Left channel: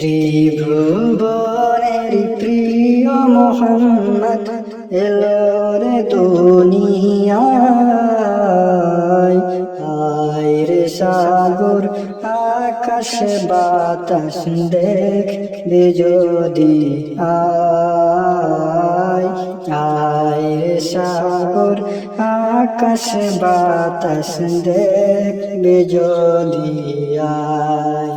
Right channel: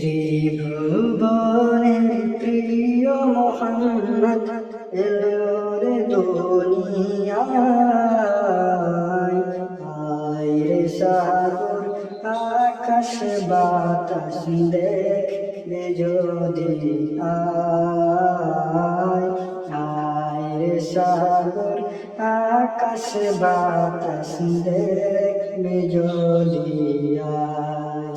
ত্রিভুবনের প্রিয় মোহাম্মদ এলো রে দুনিয়ায়। আয় রে সাগর আকাশ বাতাস দেখবি যদি আয়। আয় রে সাগর আকাশ বাতাস দেখবি যদি আয়।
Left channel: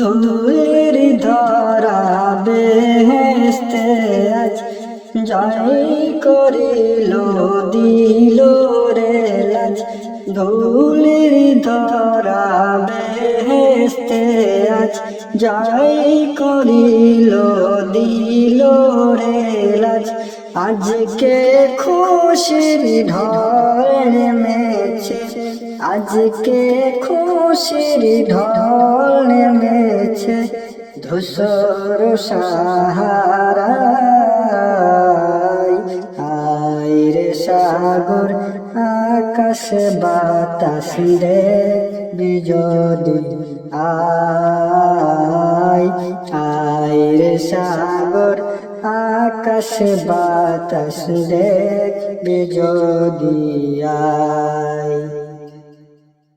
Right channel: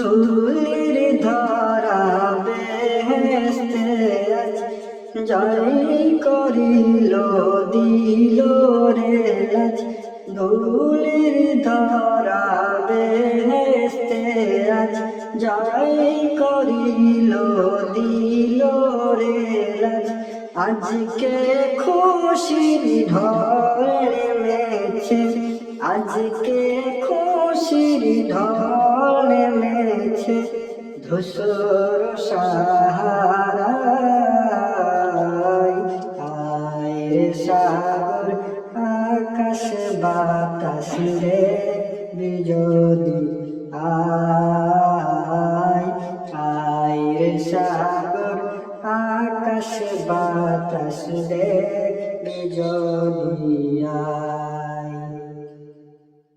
ধুলির ধারা বেহেশতে আজ জয় করিল দিল রে লাজ। ধুলির ধারা বেহেশতে আজ জয় করিল দিল রে লাজ। আজকে খুশির ঢল নেমেছে, আজকে খুশির ঢল নেমেছে ধূসর সাহারায়। আয় রে সাগর আকাশ বাতাস দেখবি যদি আয়। আয় রে সাগর আকাশ বাতাস দেখবি যদি আয়।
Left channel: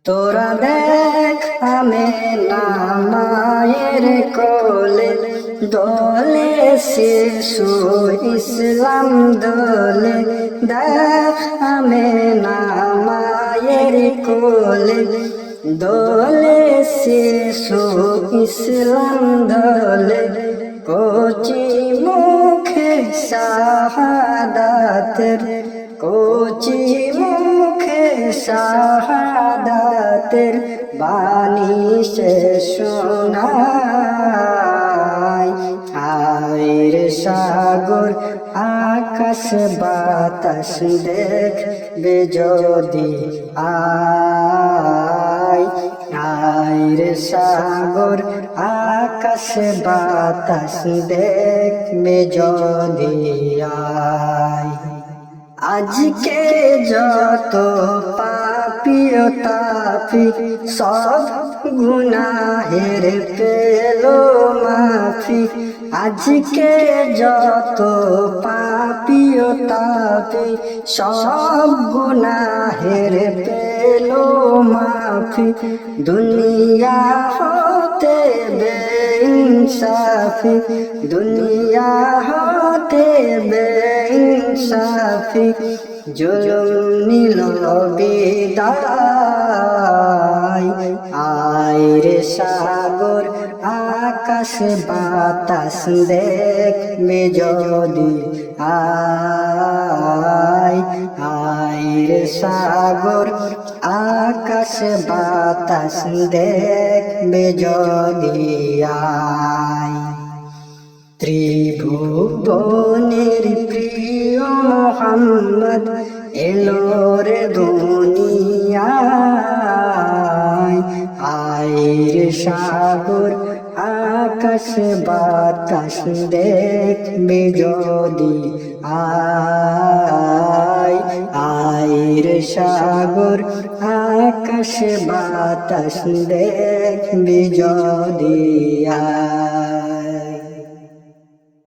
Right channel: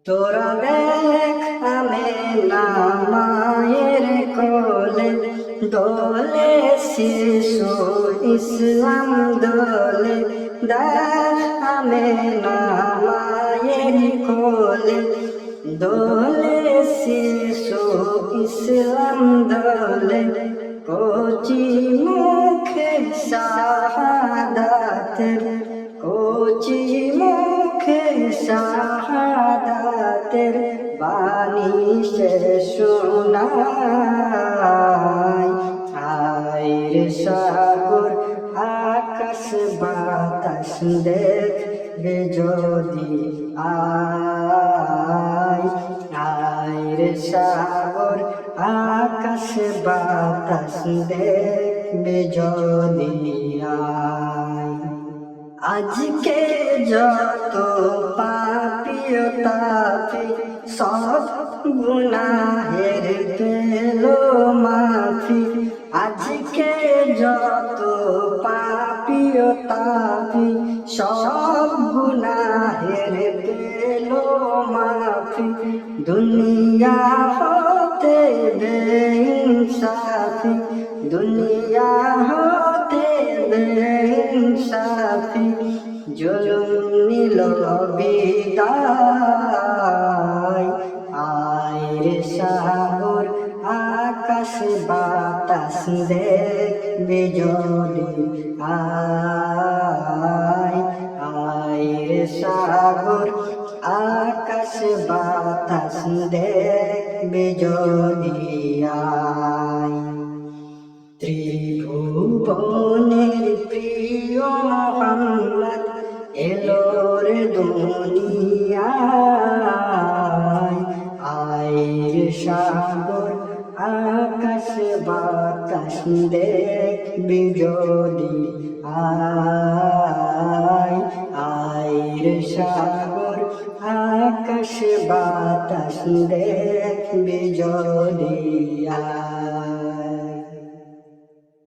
তোরা দেখ আমেনা মায়ের কোলে দোলে শিশু ইসলাম দোলে। দেখ আমেনা মায়ের কোলে দোলে শিশু ইসলাম দোলে। কচি মুখে শাহাদাতের, কচি মুখে শাহাদাতের বাণী সে শোনায়। আয় রে সাগর আকাশ বাতাস দেখবি যদি আয়। আয় রে সাগর আকাশ বাতাস দেখবি যদি আয়। আজকে যত পাপী ও তাপী সব গুনাহের পেলো মাফি। আজকে যত পাপী ও তাপী সব গুনাহের পেলো মাফি। দুনিয়া হতে বেইনসাফি, দুনিয়া হতে বেইনসাফি জুলুম নিল বিদায়। আয় রে সাগর আকাশ বাতাস দেখবি যদি আয়। আয় রে সাগর আকাশ বাতাস দেখবি যদি আয়। ত্রিভুবনের প্রিয় মোহাম্মদ এলো রে দুনিয়ায়। আয় রে সাগর আকাশ বাতাস দেখবি যদি আয়। আয় রে সাগর আকাশ বাতাস দেখবি যদি আয়।